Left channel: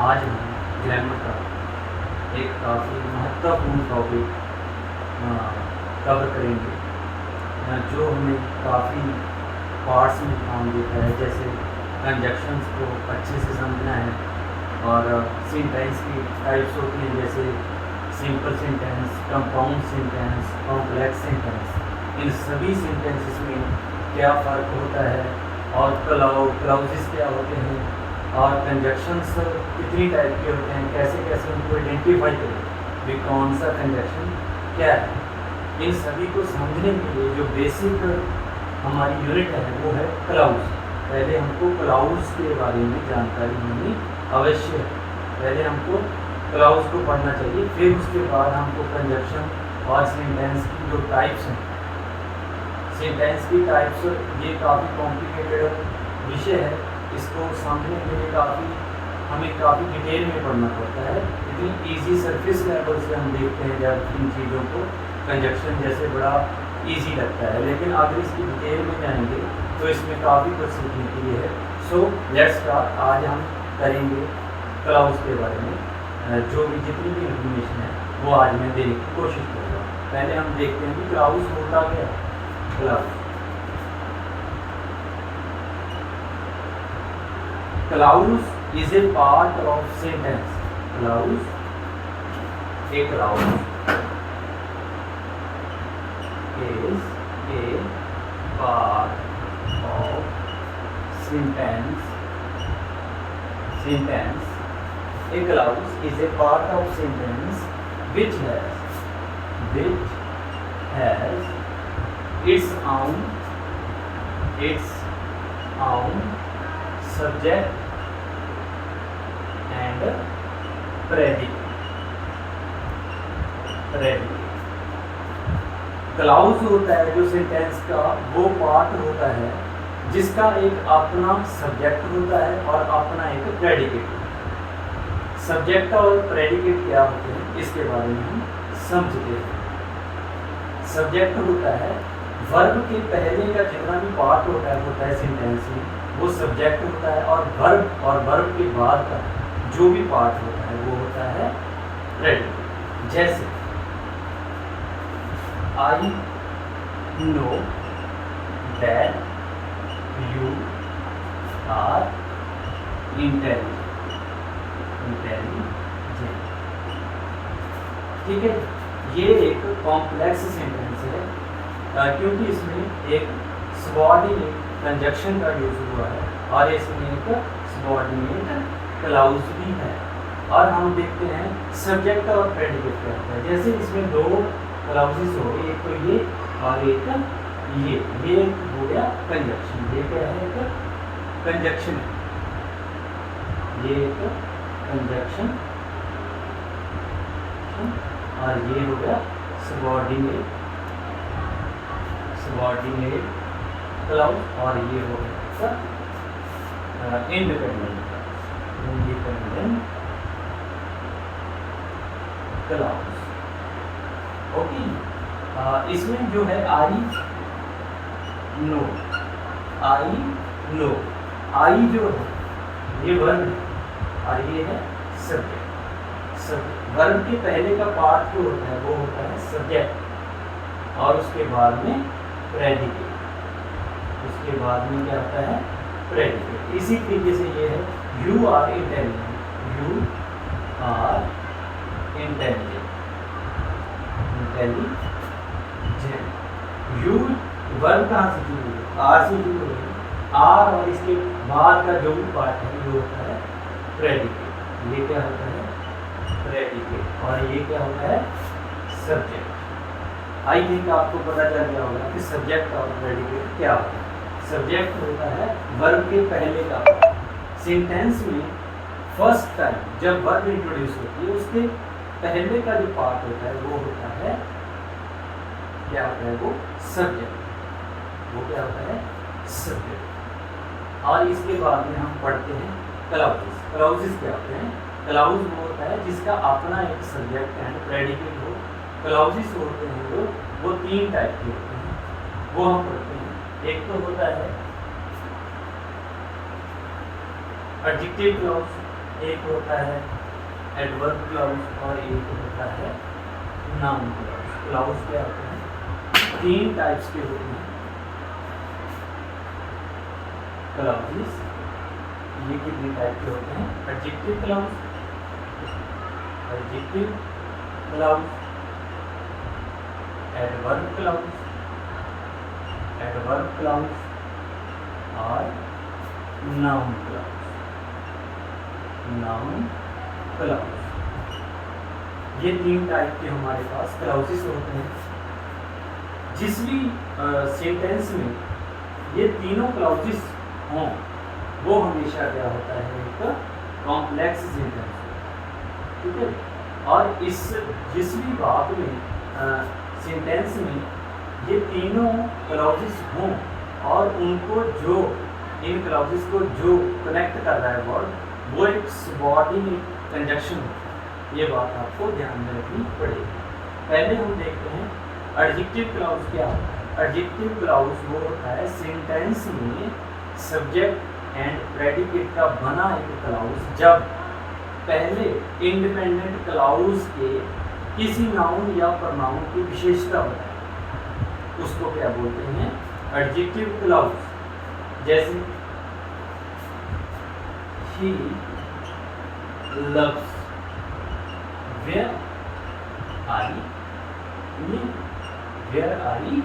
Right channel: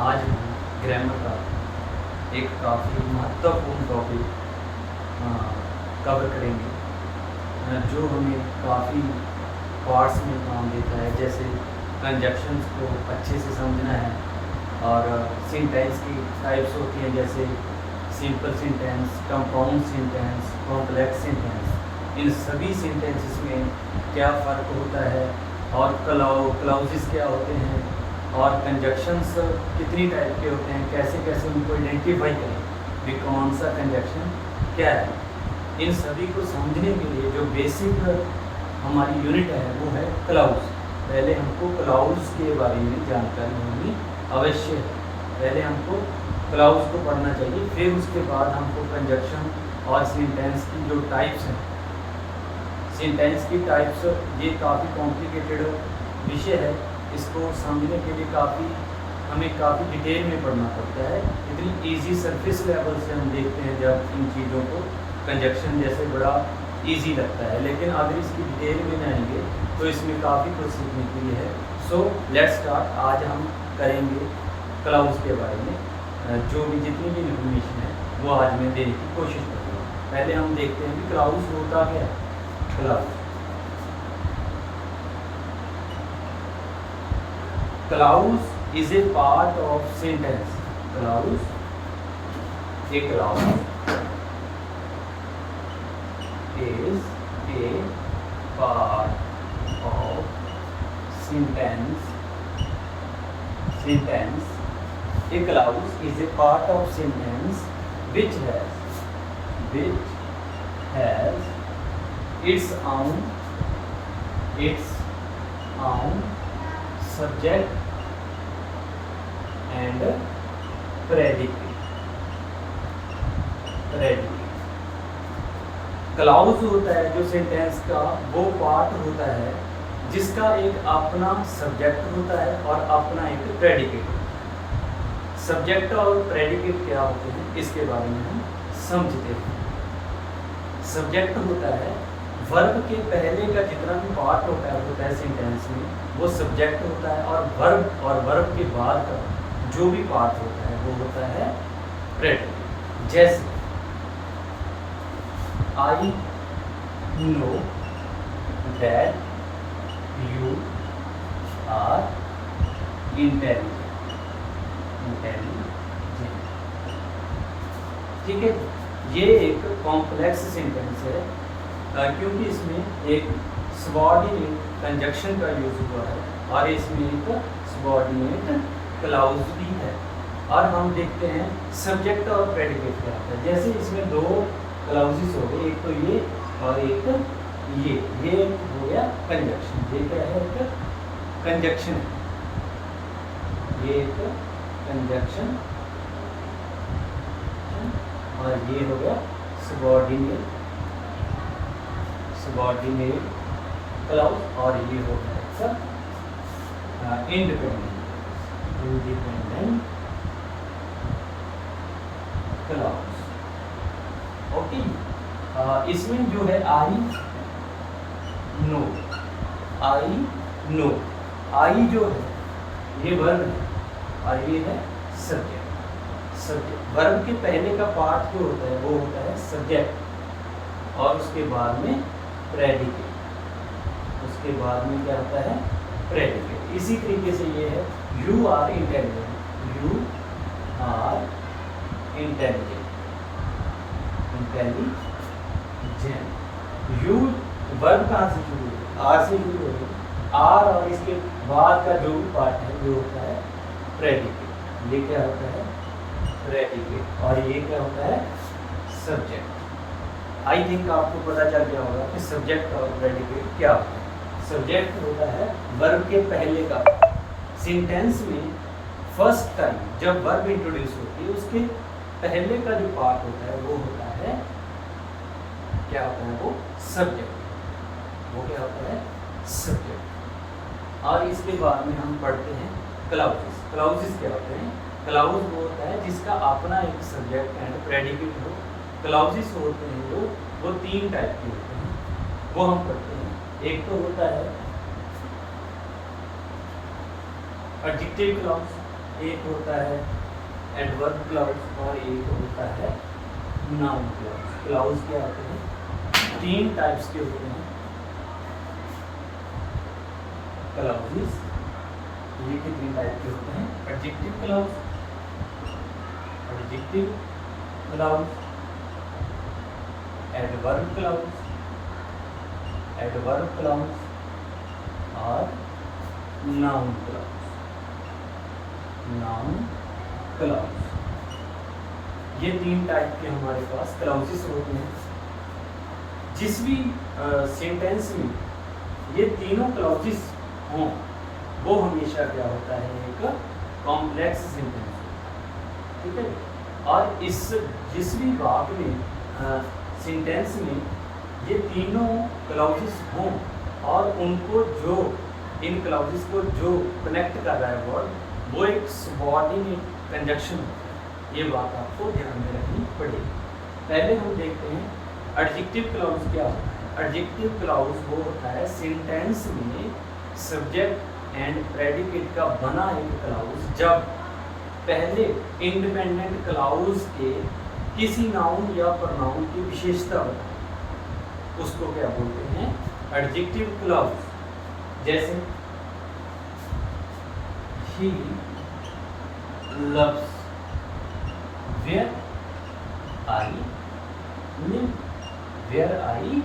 आज हम ग्रामर का एक काफ़ी महत्वपूर्ण टॉपिक कवर करेंगे, जो हमें काफ़ी पार्ट्स में काम देता है। जैसे कंजक्शंस को अच्छे से समझना है और सेंटेंस की टाइप्स होती हैं, जैसे simple sentence, compound sentence, complex sentence. इन सभी सेंटेंसेस में क्या फ़र्क होता है और क्लाउजेस क्या होते हैं और कंजक्शंस कितनी टाइप के होते हैं, कैसे कैसे उनको आइडेंटिफाई करें कि कौन सा कंजक्शन क्या है। इन सभी को समझने के लिए जो बेसिक हमारी यूनिट है वो है क्लाउज। पहले हमको क्लाउड्स के बारे में जानकारी होनी अवश्य है। पहले हमको क्लाउज को पढ़ना चाहिए, फिर उसके बाद हमको कंजक्शन और सेंटेंस की जो टाइप्स हैं, सेंटेंस की टाइप्स, ये काफ़ी कॉम्प्लिकेटेड विषय है। इसको समझने के लिए हमें काफ़ी डिटेल में पढ़ना पड़ता है। इतनी इजी सरफेस लेवल से हम देखते हैं जब इन चीज़ों को, कंजक्शन जैसे बड़ा इजी लगता है, लेकिन अगर इसकी डिटेल में जाएंगे तो इसमें काफ़ी कुछ सीखने के लिए है। So let's start. आज हम करेंगे क्लाउज के बारे में, जो भी जितनी भी इंफॉर्मेशन है वो आज मैं देने की कोशिश करूँगा। पहले हम देखते हैं कि क्लाउज होता क्या है। Clause is a part of sentence. Clause is a part of sentence. A clause is a part of sentence which has its own subject and predicate। Clause होता है जो सेंटेंस का वो पार्ट होता है जिसका एक अपना सब्जेक्ट होता है और अपना एक प्रेडिकेट। सब्जेक्ट और प्रेडिकेट क्या होते हैं इसके बारे में हम समझते हैं। सब्जेक्ट होता है वर्ब के पहले का जितना भी पार्ट होता है सेंटेंस में, वो सब्जेक्ट होता है, और वर्ब के बाद का जो भी पार्ट होता है वो होता है प्रेडिकेट। जैसे I know that you are intelligent. ठीक है, ये एक कॉम्प्लेक्स सेंटेंस है क्योंकि इसमें एक सबऑर्डिनेट कंजक्शन का यूज हुआ है और इसमें एक सबऑर्डिनेट क्लाउज भी है। और हम देखते हैं सब्जेक्ट और प्रेडिकेट क्या होता है। जैसे इसमें दो क्लाउजेस हो गए, एक तो ये और एक ये हो गया कंजक्शन। ये क्या है? एक कंजक्शन। ये एक कंजक्शन और ये हो गया सबऑर्डिनेट क्लाउज, और ये हो गया इंडिपेंडेंट क्लाउज। ओके, इसमें जो है आई नो आई जो है ये वर्ब है और ये है सब्जेक्ट। वर्ब के पहले का पार्ट जो होता है वो होता है सब्जेक्ट और उसके बाद में प्रेडिकेट। उसके बाद में क्या होता है? प्रेडिकेट। इसी तरीके से ये है you are intelligent. You verb कहाँ से शुरू है? आर से शुरू हो गया। आर और इसके बाद का जो भी पार्ट है वो होता है प्रेडिकेट। ये क्या होता है? प्रेडिकेट। और ये क्या होता है? सब्जेक्ट। आई थिंक आपको पता चल गया होगा कि सब्जेक्ट और प्रेडिकेट क्या होता है। सब्जेक्ट होता है वर्ब के पहले का पार्ट। सेंटेंस में फर्स्ट टाइम जब वर्ब इंट्रोड्यूस होती है उसके पहले का जो पार्ट होता है वो होता है क्या होता है? वो सब्जेक्ट। वो क्या होता है? सब्जेक्ट। और इसके बाद में हम पढ़ते हैं क्लाउजेस। क्लाउजेस क्या होते हैं? क्लाउज वो होता है जिसका अपना एक सब्जेक्ट एंड प्रेडिकेट हो। क्लाउजेस होते हैं वो तीन टाइप के होते हैं, वो हम पढ़ते हैं। एक तो होता है एडजेक्टिव क्लाउज, एक होता है एडवर्ब क्लाउज और एक होता है नाउन क्लाउज। क्लाउज क्या होते हैं? 3 टाइप्स के होते हैं क्लाउजेस। ये कितने टाइप के होते हैं? Adjective clause, adjective clause, adverb clause, adverb clause और नाउन क्लाउज, नाउन क्लाउज। ये 3 टाइप के हमारे पास क्लाउजेस होते हैं। जिस भी सेंटेंस में ये तीनों क्लाउजेस हों वो हमेशा क्या होता है? एक कॉम्प्लेक्स सेंटेंस, ठीक है। और इस जिस भी बात में सेंटेंस में ये तीनों क्लाउजेस हों और उनको जो इन क्लाउजेस को जो कनेक्ट कर रहा है वर्ड, वो एक सबऑर्डिनेट कंजक्शन होता है। ये बात आपको ध्यान में रखनी पड़ेगी। पहले हम देखते हैं एडजेक्टिव क्लाउज क्या होता है। एडजेक्टिव क्लाउज वो होता है सेंटेंस में सब्जेक्ट एंड प्रेडिकेट का बना एक क्लाउज जब पहले इंडिपेंडेंट क्लाउज के किसी नाउन या प्रोनाउन की विशेषता बताए, उसको क्या बोलते हैं? Adjective clause. जैसे ही loves where I live, where I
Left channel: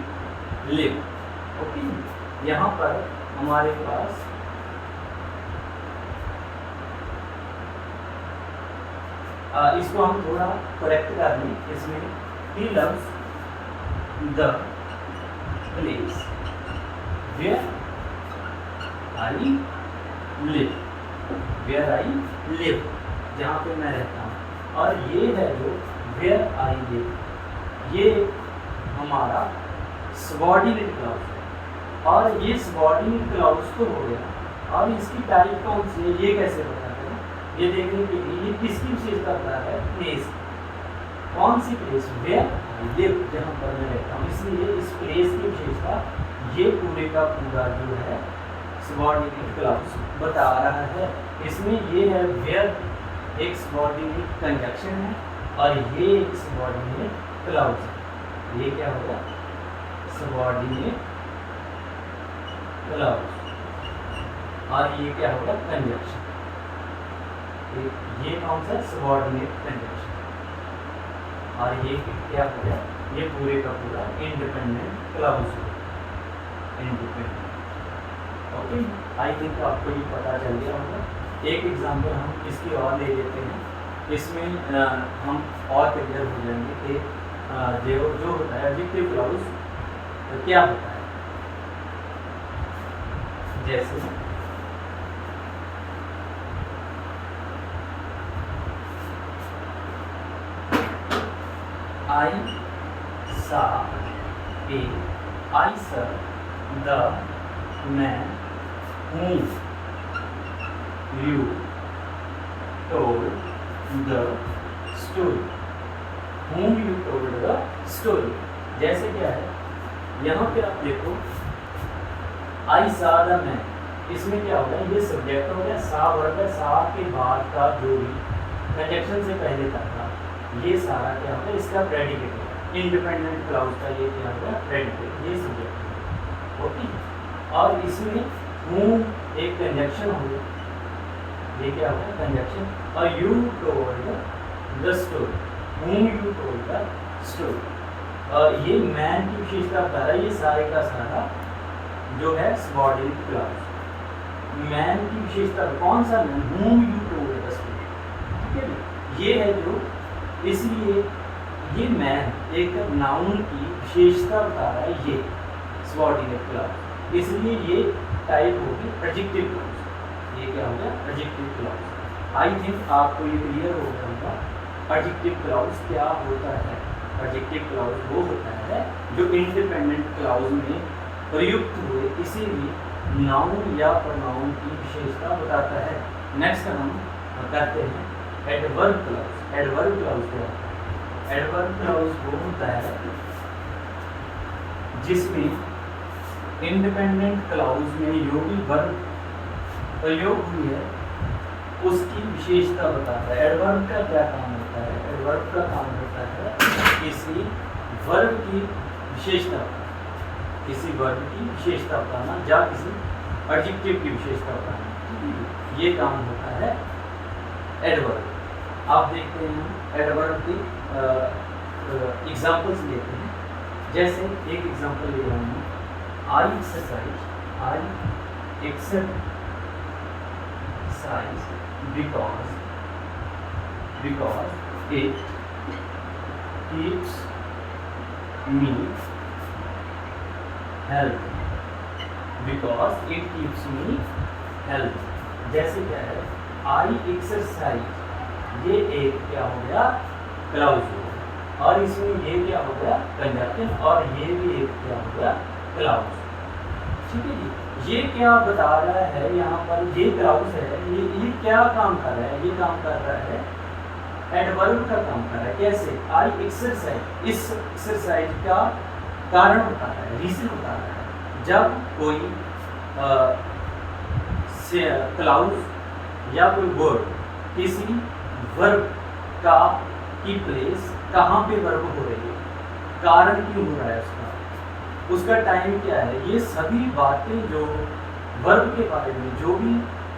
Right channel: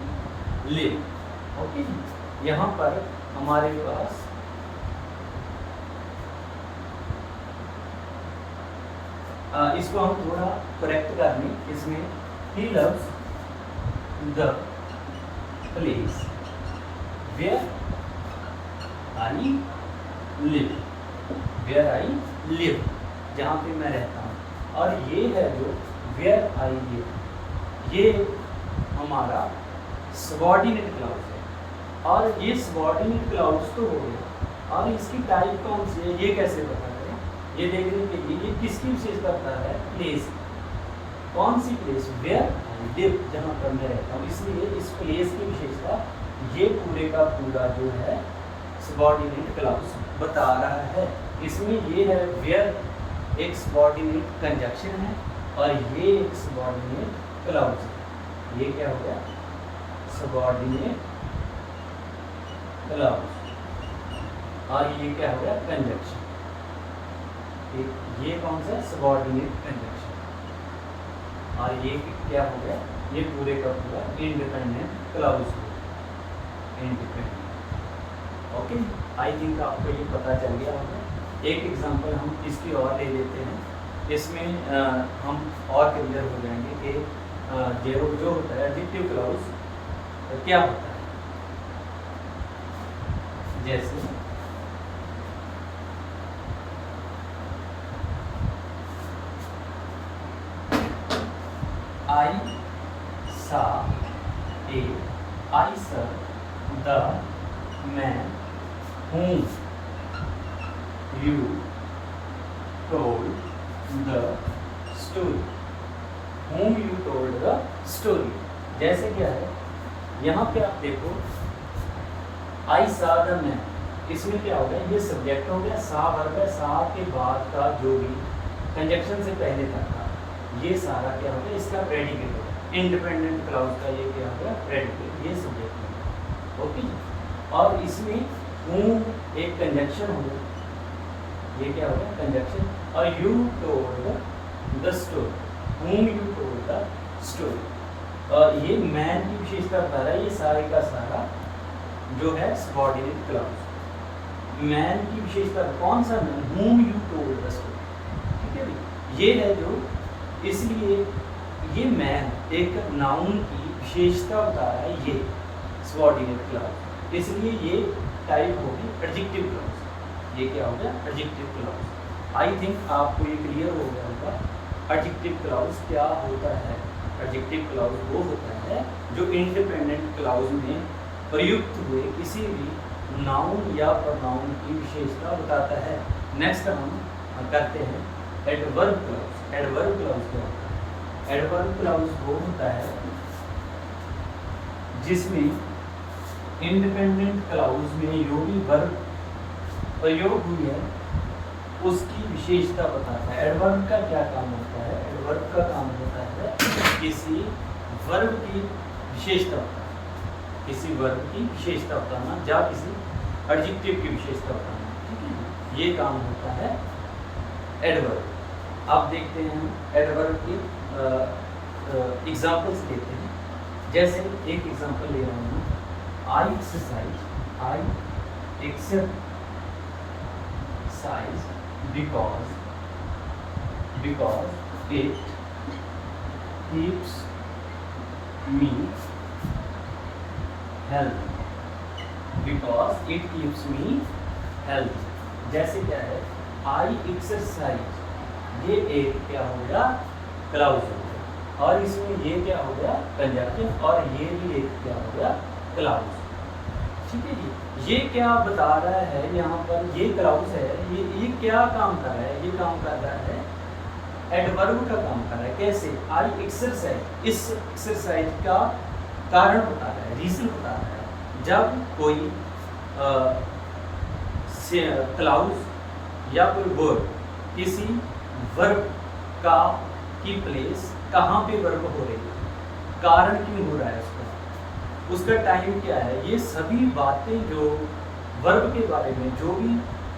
live। Okay, यहाँ पर हमारे पास इसको हम थोड़ा करेक्ट कर लें। इसमें he loves the place where I live, where I live, जहाँ पे मैं रहता हूँ। और ये है जो where I live, ये हमारा सबऑर्डिनेट क्लाउज है। और ये सबऑर्डिनेट क्लाउज तो हो गया, और इसकी टाइप कौन सी है ये कैसे पता करें? ये देखने के लिए ये किसकी विशेषता बता रहा है? प्लेस। कौन सी प्लेस? where I live, जहाँ पर मैं रहता हूँ। इसलिए इस प्लेस की विशेषता ये पूरे का पूरा जो है सबऑर्डिनेट क्लाउज बता रहा है। इसमें ये है where एक सबऑर्डिनेट कंजक्शन है और ये एक सबऑर्डिनेट क्लाउज है। ये क्या हो गया? Subordinate clause. और ये क्या हो गया? कंजक्शन। ये कौन सा? Subordinate conjunction. और ये क्या हो गया? ये पूरे का पूरा इंडिपेंडेंट क्लाउज हो गया, इंडिपेंडेंट। ओके, आई थिंक आपको ये पता चल गया होगा। एक एग्जांपल हम इसकी और ले लेते हैं, इसमें हम और क्लियर हो जाएंगे कि जो होता है एडजेक्टिव क्लाउज क्या होता है। जैसे I saw a, I saw the man whom you told the story, whom you told the story। जैसे क्या है, यहाँ पे आप देखो I saw the man, इसमें क्या होगा? ये सब्जेक्ट हो गया, सा वर्ब है, सा के बाद का जो भी कंजक्शन से पहले तक का ये सारा क्या होगा? इसका प्रेडिकेट होगा। इंडिपेंडेंट क्लाउज का ये क्या होगा? प्रेडिकेट, ये सब्जेक्ट होगा। ओके, और इसमें whom एक कंजक्शन होगा, ये क्या होगा? कंजक्शन। और you told the story, whom you told the story। और ये मैन की विशेषता बता रहा है। ये सारे का सारा जो है सबऑर्डिनेट क्लाउज। मैन की विशेषता कौन सा? Man, whom you told the story, ठीक है। ये है जो, इसलिए ये मैन एक नाउन की विशेषता बता रहा है, ये सबऑर्डिनेट क्लाउज। इसलिए ये टाइप होगी एडजेक्टिव क्लाउज। ये क्या होगा? Adjective clause. आई थिंक आपको ये क्लियर हो गया होगा एडजेक्टिव क्लाउज क्या होता है। एडजेक्टिव क्लाउज वो होता है जो इंडिपेंडेंट क्लाउज में प्रयुक्त हुए किसी भी नाउन या प्रोनाउन की विशेषता बताता है। नेक्स्ट हम करते हैं एडवर्ब क्लाउज। एडवर्ब क्लाउज क्या होता है? एडवर्ब क्लाउज वो होता है जिसमें इंडिपेंडेंट क्लाउज में योगी वर्ब प्रयोग हुई है उसकी विशेषता बताता है। एडवर्ब का क्या काम होता है? एडवर्ब का काम होता है किसी वर्ब की विशेषता बताना, किसी वर्ब की विशेषता बताना या किसी एडजेक्टिव की विशेषता बताना। ये काम होता है एडवर्ब। आप देखते हैं हम एडवर्ब के एग्जाम्पल्स लेते हैं। जैसे एक एग्जाम्पल ले रहा हूँ, आई exercise because it keeps me healthy, because it keeps me healthy। जैसे क्या है, आई एक्सरसाइज, ये एक क्या हो गया, क्लाउज हो गया, और इसमें ये क्या हो गया, कंजंक्शन, और ये भी एक क्या हो गया, क्लाउज। ठीक है जी। ये क्या बता रहा है यहाँ पर, ये क्लाउज है, ये क्या काम कर रहा है? ये काम कर रहा है एडवर्ब का काम कर रहा है। कैसे? आई एक्सरसाइज, इस एक्सरसाइज का कारण बता रहा है, रीजन बता रहा है। जब कोई क्लाउज या कोई वर्ब किसी वर्ब का की प्लेस कहाँ पे वर्ब हो रही है, कारण क्यों हो रहा है उसका टाइम क्या है, ये सभी बातें जो वर्ब के बारे में जो भी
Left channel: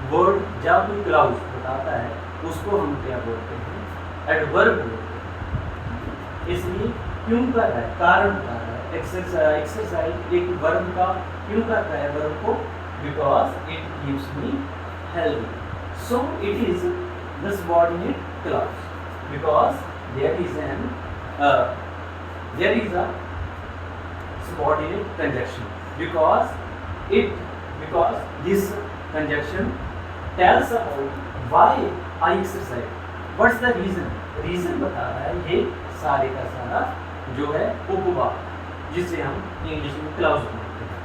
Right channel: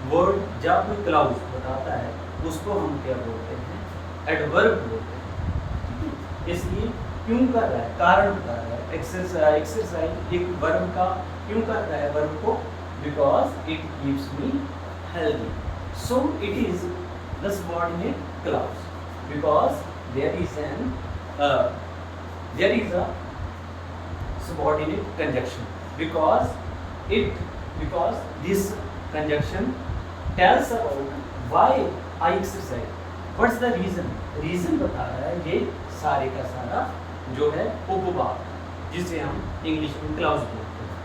वर्ड या कोई क्लाउज बताता है उसको हम क्या बोलते हैं, एडवर्ब बोलते हैं। इसलिए क्यों कर रहा है, कारण बता रहा है। एक्सरसाइज एक वर्ब का क्यों करता है वर्ब को, because it keeps me healthy, so it is the subordinate clause, because there is a subordinate conjunction, because this conjunction tells about why I exercise, what's the reason बता रहा है। ये सारे का सारा जो है उपवाद, जिसे हम इंग्लिश में क्लाउज बोलते हैं,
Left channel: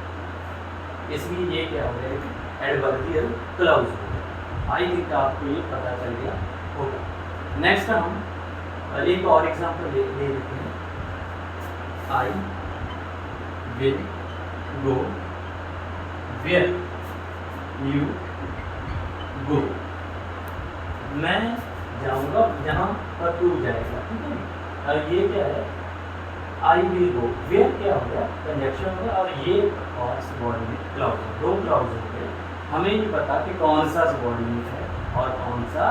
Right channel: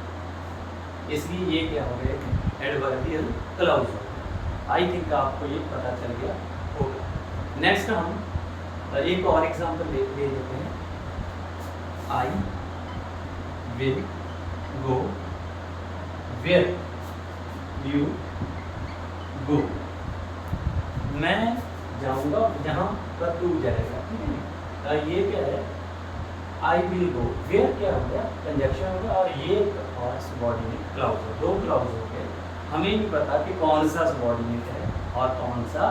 इसलिए ये क्या हो गया, एडवर्बियल क्लाउज हो गया। आई थिंक आपको ये पता चल गया होगा। नेक्स्ट हम एक और एग्जांपल ले लेते हैं। आई will go where you go, मैं जाऊंगा जहाँ पर तू जाएगा। ठीक है, और ये क्या है, आई विल गो, वेयर क्या हो गया, कंजंक्शन हो गया, और ये और सबऑर्डिनेट क्लाउज है, दो क्लाउज हो गए। हमें नहीं पता कि कौन सा सबऑर्डिनेट है और कौन सा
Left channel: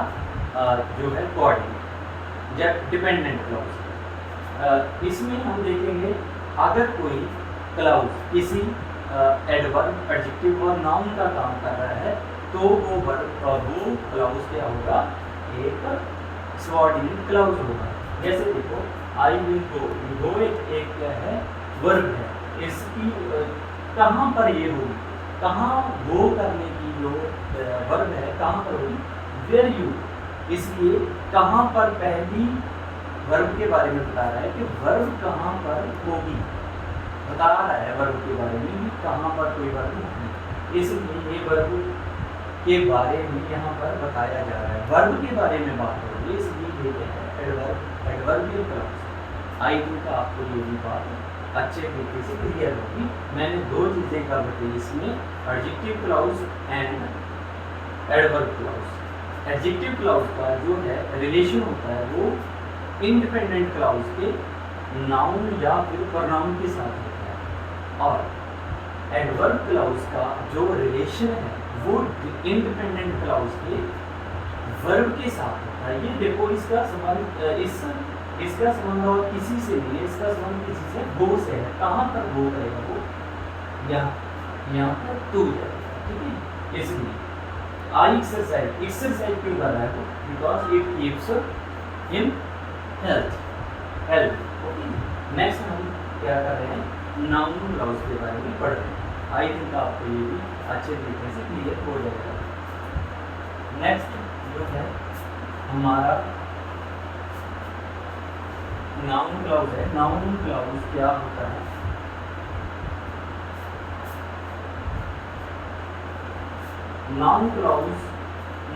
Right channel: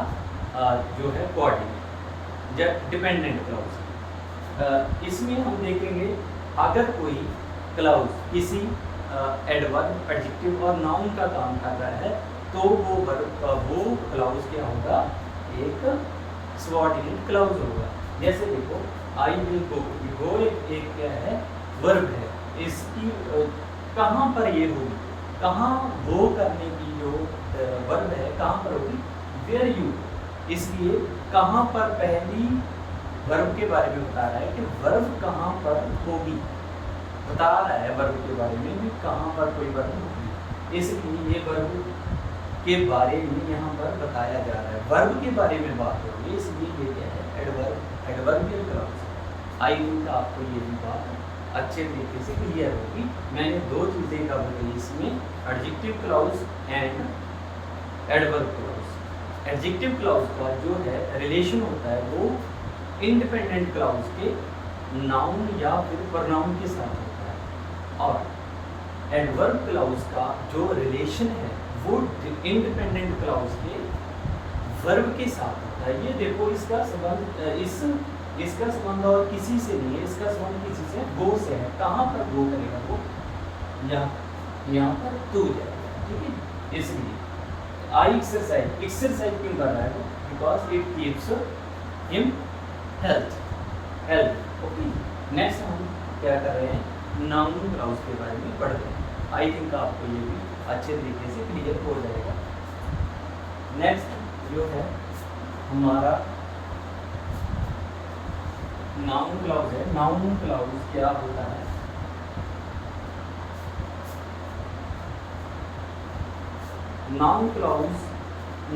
जो है कोऑर्डिनेट या डिपेंडेंट क्लाउज। इसमें हम देखेंगे अगर कोई क्लाउज किसी एडवर्ब, एडजेक्टिव और नाउन का काम कर रहा है तो वो क्लाउज क्या होगा, एक सबऑर्डिनेट क्लाउज होगा। जैसे देखो, आई विल गो एक क्या है, वर्ब है, इसकी कहाँ पर ये होगी, कहाँ वो करने की जो वर्ब है कहाँ पर होगी, वेयर यू, इसलिए कहाँ पर पहली वर्ब के बारे में बता रहा है कि वर्ब कहाँ पर होगी, बता रहा है वर्ब के बारे में कि कहाँ पर कोई वर्ब होगी, इसलिए ये वर्ब के बारे में यहाँ पर बताया जा रहा है, वर्ब के बारे में बात हो रही है, इसलिए ये है एडवर्बियल क्लाउज। आई थिंक आपको ये भी बात अच्छे तरीके से क्लियर होगी। मैंने दो चीज़ें कवर की इसमें, adjective clause and adverb clause. Adjective clause का जो है रिलेशन होता है वो इंडिपेंडेंट क्लाउज के नाउन या फिर प्रोनाउन के साथ होता है, और एडवर्ब क्लाउज का जो रिलेशन है वो इंडिपेंडेंट क्लाउज के वर्ब के साथ होता है। ये देखो, इसका संबंध इसका संबंध और किसी से नहीं है, इसका संबंध किसी से, गो से है। कहाँ पर गो करेगा वो, यहाँ पर टू जाएगा। ठीक है, इसलिए आई एक्सरसाइज क्यों कर रहा है वो, because it keeps him health. Okay, next हम क्या कर रहे हैं, नाउन क्लाउज के बारे में पढ़ रहे हैं। आई थिंक आपको ये भी अच्छे तरीके से क्लियर हो जाएगा। नेक्स्ट जो है हमारा नाउन क्लाउज है। नाउन क्लाउज क्या होता है, नाउन क्लाउज,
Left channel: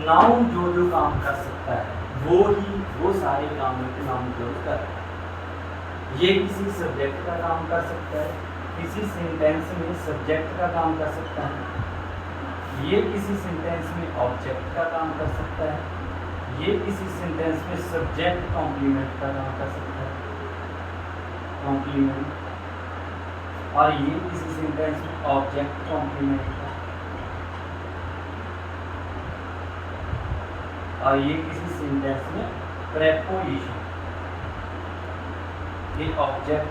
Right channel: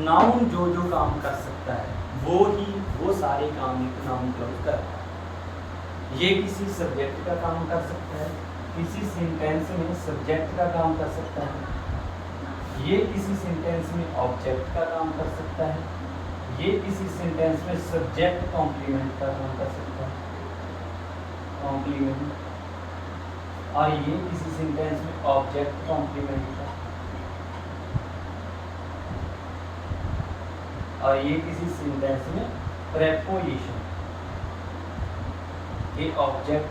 नाउन जो काम कर सकता है वो सारे काम नाउन क्लाउज करता है। ये किसी सब्जेक्ट का काम कर सकता है, किसी सेंटेंस में सब्जेक्ट का काम कर सकता है, ये किसी सेंटेंस में ऑब्जेक्ट का काम कर सकता है, ये किसी सेंटेंस में सब्जेक्ट कॉम्प्लीमेंट का काम कर सकता है, कॉम्प्लीमेंट, और ये किसी सेंटेंस में ऑब्जेक्ट कॉम्प्लीमेंट का, और ये किसी सेंटेंस में प्रेपोजिशन, ये ऑब्जेक्ट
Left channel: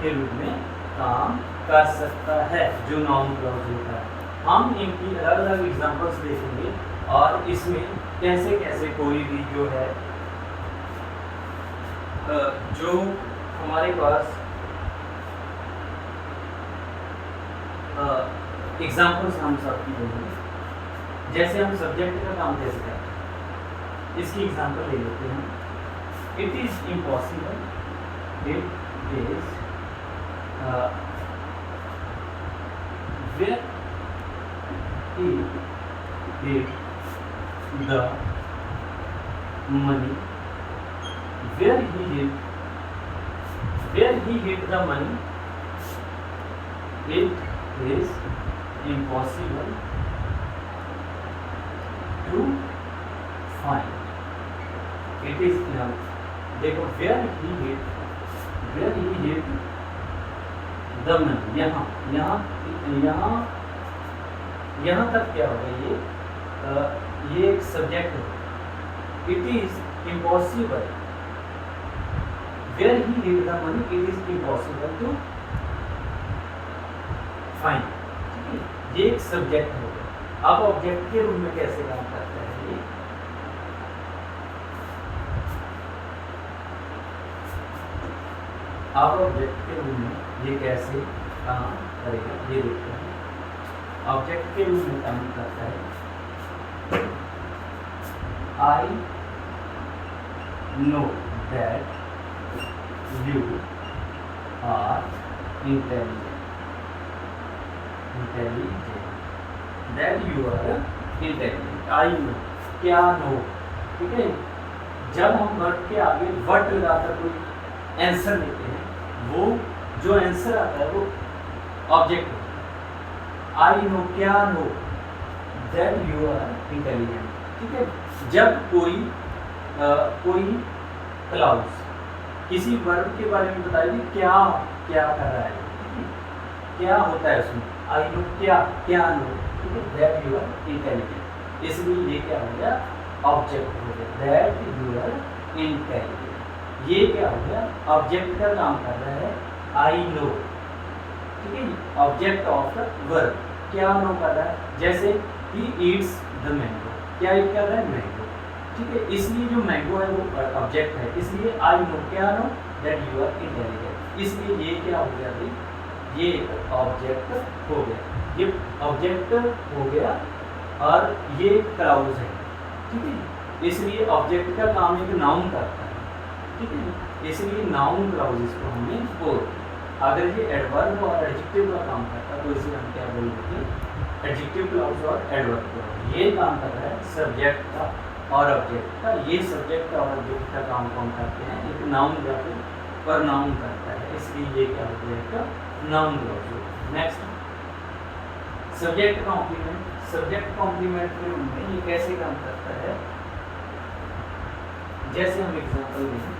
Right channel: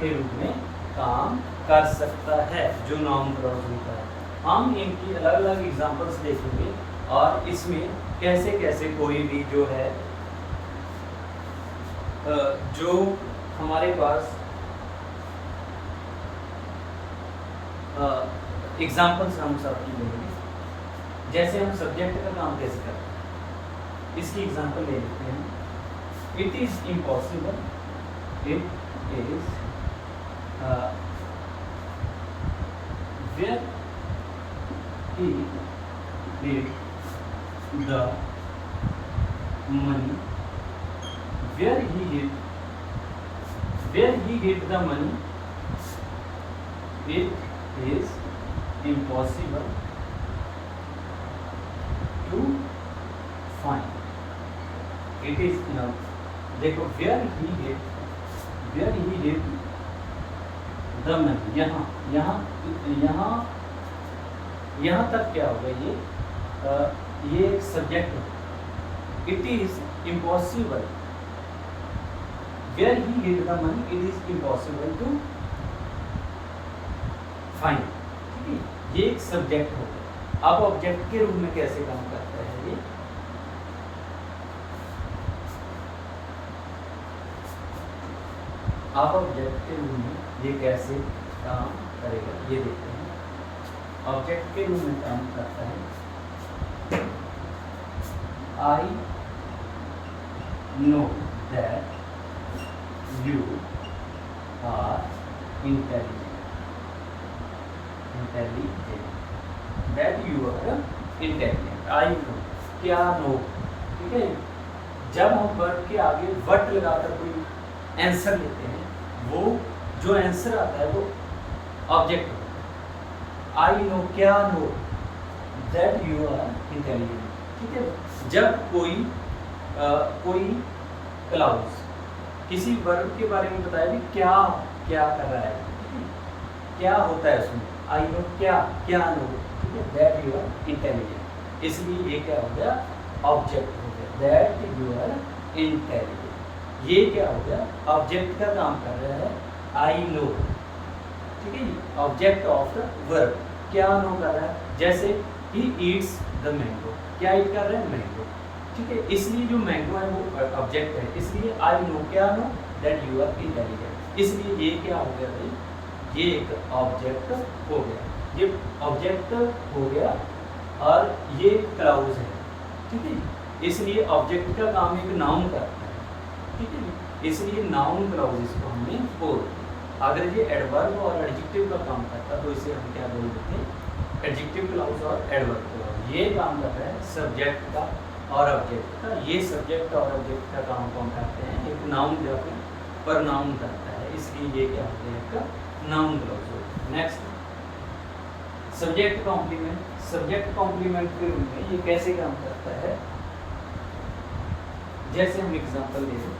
के रूप में काम कर सकता है जो नाउन क्लॉज होता है। हम इनकी अलग अलग एग्जांपल्स देखेंगे और इसमें कैसे कैसे कोई भी जो है जो हमारे पास एग्जांपल्स हम सबकी देंगे। जैसे हम सब्जेक्ट का काम कैसे करते हैं, इसकी एग्जांपल ले लेते हैं। It is impossible, it is where he hid the money, where he hid the money, it is impossible to find, it is देखो where he hid the money, यहाँ यहाँ यहाँ यहाँ तक क्या होगा, ये एक सब्जेक्ट है। It is impossible, where he hid the money, it is impossible to find, ये एक सब्जेक्ट होगा। अब ऑब्जेक्ट के रूप में कैसे काम करता है ये, अब ऑब्जेक्ट के रूप में ये कैसे काम करेगा ये देखते हैं। ऑब्जेक्ट के रूप में काम करता है, I know that you are intelligent, that you are intelligent. I know, क्या नो, ठीक है। जब हम वर्ड के आगे वर्ड लगाकर कोई आंसर लेते हैं, वो जो आंसर आता है वो ऑब्जेक्ट होता है। आई नो, क्या know, that you are intelligent, ठीक है। जब कोई क्लाउज किसी वर्ब के बारे में बताए कि क्या क्या कर रहा है, क्या होता है उसमें, आई नो क्या, क्या नो, ठीक है, दैट यू आर इंटेलिजेंट, इसलिए ये क्या हो गया, ऑब्जेक्ट हो गया, दैट यू आर इंटेलिजेंट। ये क्या हो गया, ऑब्जेक्ट का काम कर रहा है, आई नो, ठीक है, ऑब्जेक्ट ऑफ द वर्ब, क्या नो कर रहा है। जैसे ही ईट्स द मैंगो, क्या ईट कर रहा है, मैंगो, ठीक है, इसलिए जो मैंगो है वो ऑब्जेक्ट है, इसलिए आई नो, क्या know, that you are intelligent, इसलिए ये क्या हो गया भाई, ये एक ऑब्जेक्ट हो गया, ये ऑब्जेक्ट हो गया और ये क्लाउज है, ठीक है, इसलिए ऑब्जेक्ट का काम एक नाउन करता है, ठीक है, इसलिए नाउन क्लाउजेस को हमें बोलते हैं। अगर ये एडवर्ब और एडजेक्टिव का काम करता तो इसे हम क्या बोल देते हैं, एडजेक्टिव क्लाउज और एडवर्ब क्लाउज। ये काम कर रहा है सब्जेक्ट का और ऑब्जेक्ट का, ये सब्जेक्ट और ऑब्जेक्ट का काम कौन करते हैं, एक नाउन या फिर प्रनाउन करता है, इसलिए ये क्या हो गया, एक नाउन क्लाउज होता है। Next subject complement, subject complement के रूप में ये कैसे काम करता है, जैसे हम एग्जांपल देखें,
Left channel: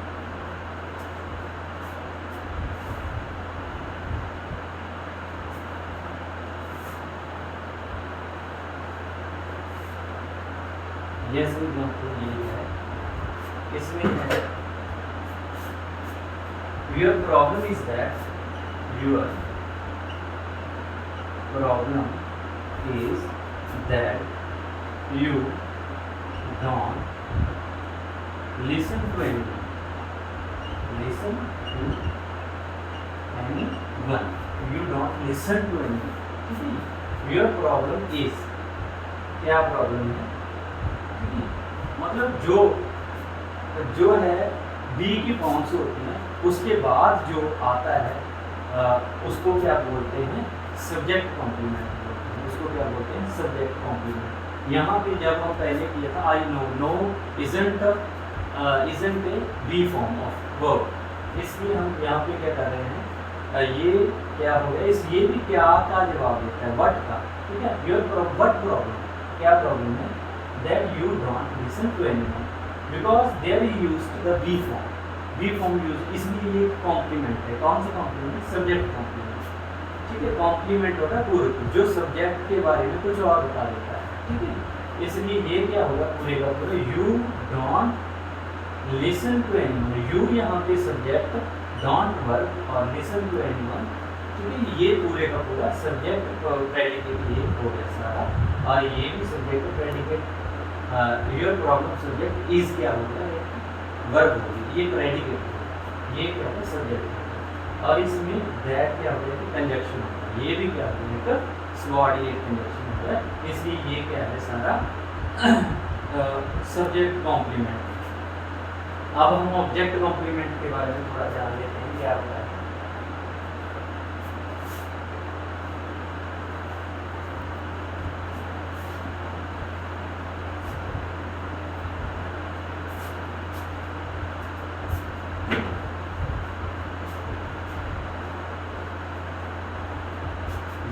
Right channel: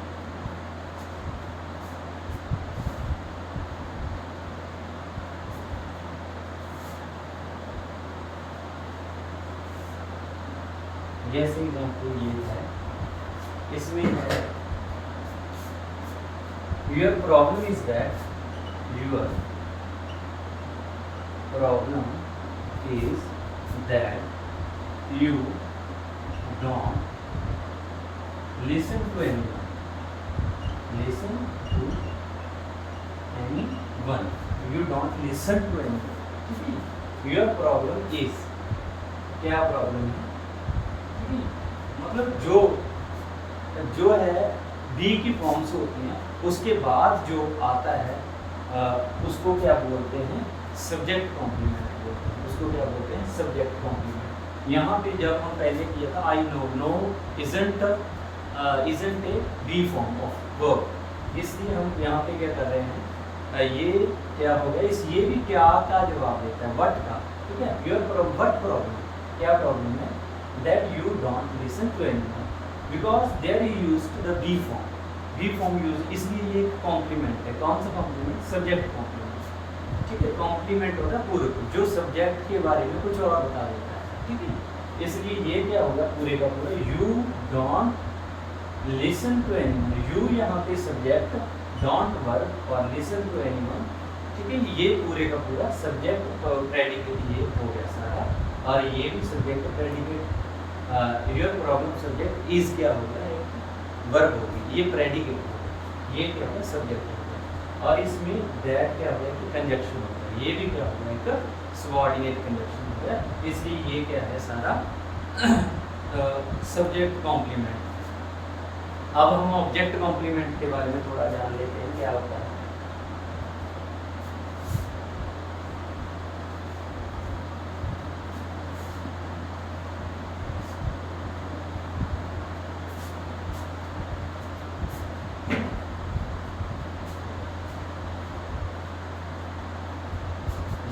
जैसे एग्जांपल ये है, इसमें है your problem is that, your problem is that you don't listen to anyone, listen to anyone, you don't listen to anyone. Your problem is, क्या प्रॉब्लम है, मतलब जो है बी की फॉर्म से होती है, उसके बाद जो आता है उसको क्या बोलते हैं, सब्जेक्ट कॉम्प्लीमेंट बोलते हैं, उसको क्या बोलते हैं, सब्जेक्ट कॉम्प्लीमेंट। यहाँ पे जब हम पहले किया था I know, know isn't a be form of verb, इसलिए हम यहाँ पे क्या कर रहे हैं, ये क्या हो गया, ये भी क्या का जवाब देता है, व्हाट का, ठीक है। व्हाट प्रॉब्लम, क्या प्रॉब्लम है, that you don't listen to anyone because there you used the be form, be form use, इसलिए ये कॉम्प्लीमेंट है। कौन सा कॉम्प्लीमेंट, सब्जेक्ट कॉम्प्लीमेंट, ठीक है। कॉम्प्लीमेंट होता है पूर्व, जो सब्जेक्ट के बारे में कुछ और बता देता है, ठीक है। इसलिए ये क्या होगा पूरे का पूरे, you don't listen to anyone, you यहाँ पे सब्जेक्ट, डोंट वर्ब और लिसन टू एनीवन, ठीक है। ये पूरे का पूरा सब्जेक्ट प्रेडिकेट ये हो गया सारा, और ये भी subject predicate, your problem subject is क्या होगा, एक वर्ब होगी, ये प्रेडिकेट होगा, ये क्या होगा सब्जेक्ट होगा, और इसमें दैट क्या होगा कि कंजक्शन होगा, ये भी क्या होगा एक सबऑर्डिनेट कंजक्शन होगा, इसलिए ये क्या है सारा सब्जेक्ट कॉम्प्लीमेंट। अब हम ऑब्जेक्ट कॉम्प्लीमेंट के बारे में थोड़ा जान लेते हैं क्या होता है।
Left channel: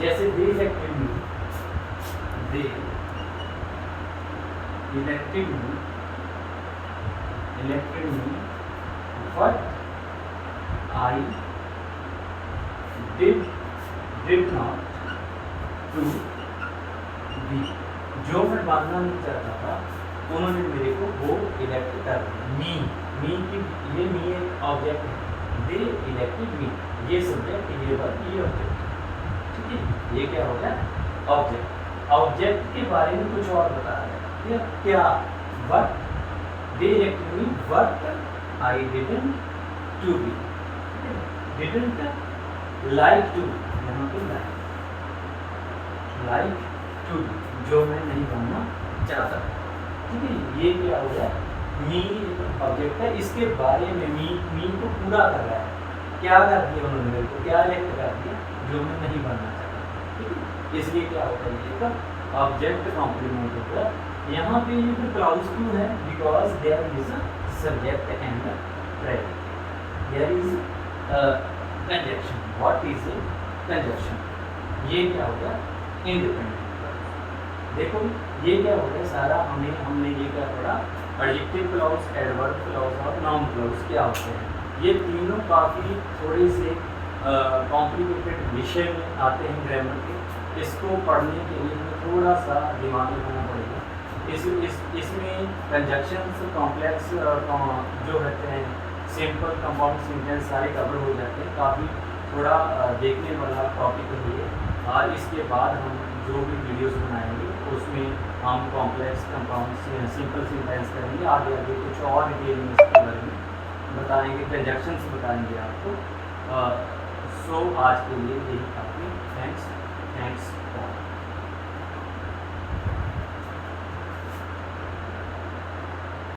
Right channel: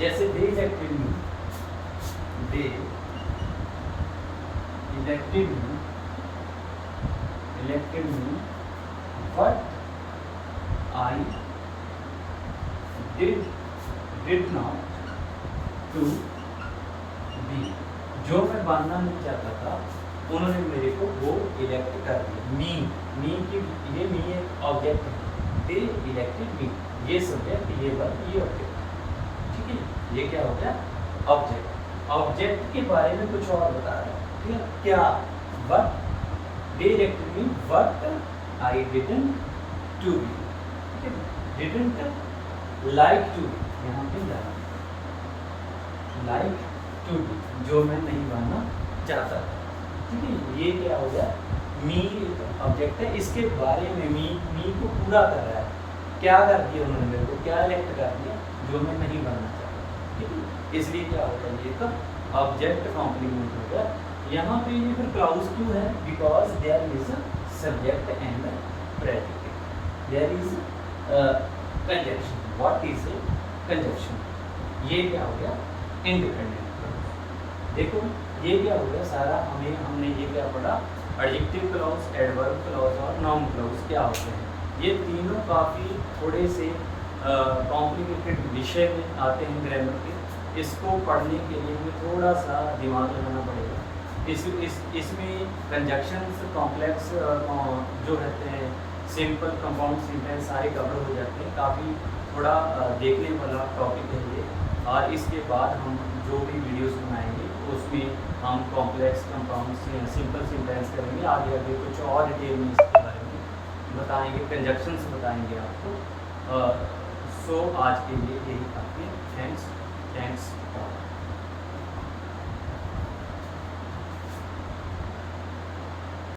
जैसे they elected me, they elected me what I did not to be, जो मैं बनना नहीं चाहता था उन्होंने मेरे को वो इलेक्ट कर दिया। मी की, ये मी एक ऑब्जेक्ट है, दे इलेक्टेड मी ये सब्जेक्ट, ये वर्ब, ये ऑब्जेक्ट, ठीक है। ये क्या हो गया ऑब्जेक्ट, ऑब्जेक्ट के बारे में कुछ और बता रहा है, ठीक है। क्या, what they elected me what I didn't to be, ठीक है। डिडंट लाइक टू, यहाँ पे लाइक टू बी, जो मैं नहीं बनना चाहता था, ठीक है। ये क्या हो गया, मी ऑब्जेक्ट है, इसके बारे में मी को पूरा कर रहा है, क्या कर दिया उन्होंने मेरे को, क्या इलेक्ट कर दिया जो मैं नहीं बनना चाहता, ठीक है। इसलिए क्या होता है, ये तो ऑब्जेक्ट कॉम्प्लीमेंट हो गया। यहाँ पे ये फिर क्लाउज क्यों है, because there is a subject and predicate, there is conjunction, what is conjunction, ये क्या हो गया इंडिपेंडेंट। देखो ये क्या हो गया सारा, हमने ये क्या पढ़ा, एडजेक्टिव क्लॉज, एडवर्ब क्लॉज और नाउन क्लॉज क्या होते हैं। ये तीनों काफ़ी थोड़े से कॉम्प्लिकेटेड विषय में आते हैं ग्रामर के, इसको पढ़ने के लिए हमें थोड़ा सा दिमाग लगाना पड़ेगा। इसमें कंजक्शंस, कॉम्प्लेक्स जो रहते हैं, सिंपल, कंपाउंड सेंटेंस सारे कवर हो जाते हैं। काफ़ी थोड़ा देखने वाला टॉपिक है ये, और इसके बाद हम जो भी वीडियोस बनाएंगे उसमें हम कॉम्प्लेक्स, कंपाउंड, सिंपल सेंटेंस करेंगे, आगे आगे कुछ और डिटेल में इसके बारे में बताएंगे, कंजक्शंस बताएंगे आपको। सो आज के लिए यही काफ़ी, थैंक्स।